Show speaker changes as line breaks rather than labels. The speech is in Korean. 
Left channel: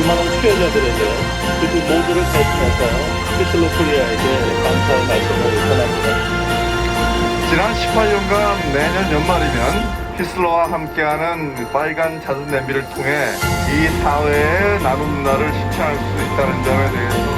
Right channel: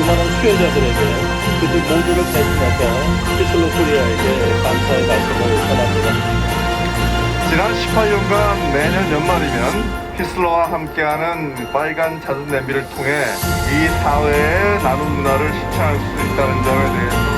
수많은 수혜자들에게 그들 모두를 대신해서 피슬로 코리아에게 감사의 말씀을 전합니다.
지난 18년간 매년 연말이면 히슬러와 함께하는 빨간 잦은 냄비를 통해 이 사회의 나눔 문화를 실천할 수 있다는 점에 대해서